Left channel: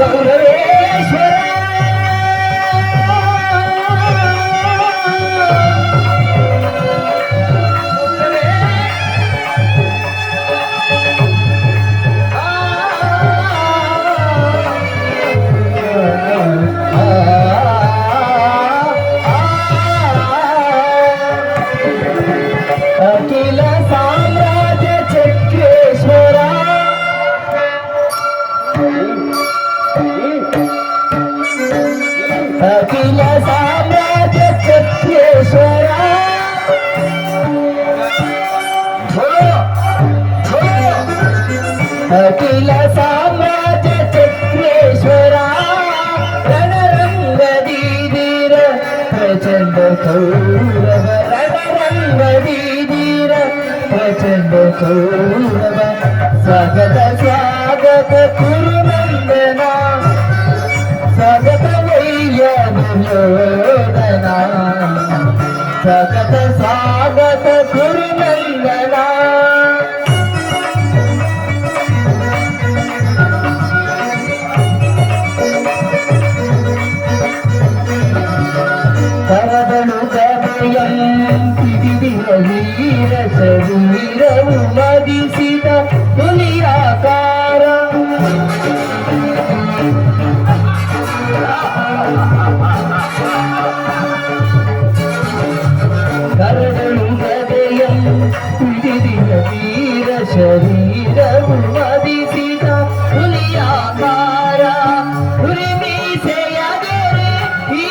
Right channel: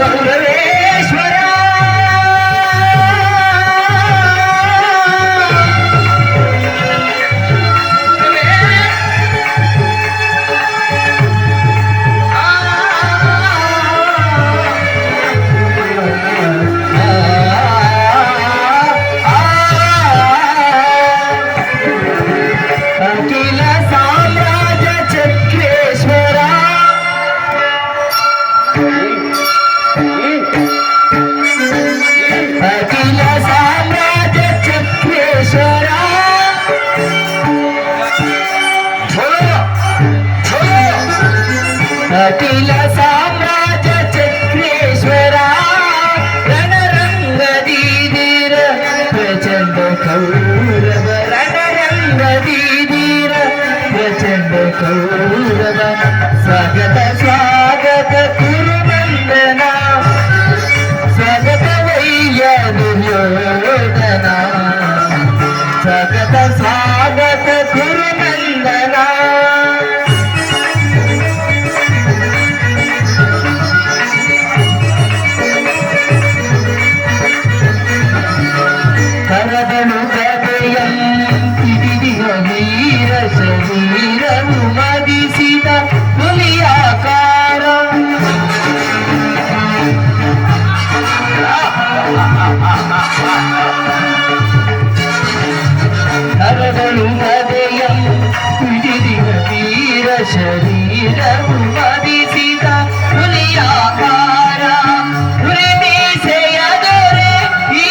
గౌరవేశ్వరా కైల సామ్రాజ చక్రేశ్వర. కటిల సామ్రాజ చక్రేశ్వర. రణరంగ దీర ప్రచండ కౌరవ. రణరంగ దీర ప్రచండ కౌరవ. స్వాగత స్వాగత Kuruma ta ta ta sa ಶರೀರವು ಮದಿಸಿದ ಹುಲಿಯಾಕಾರ ಹುಲಿ ಮೀಸೆಯ ದೊರೆ ಈ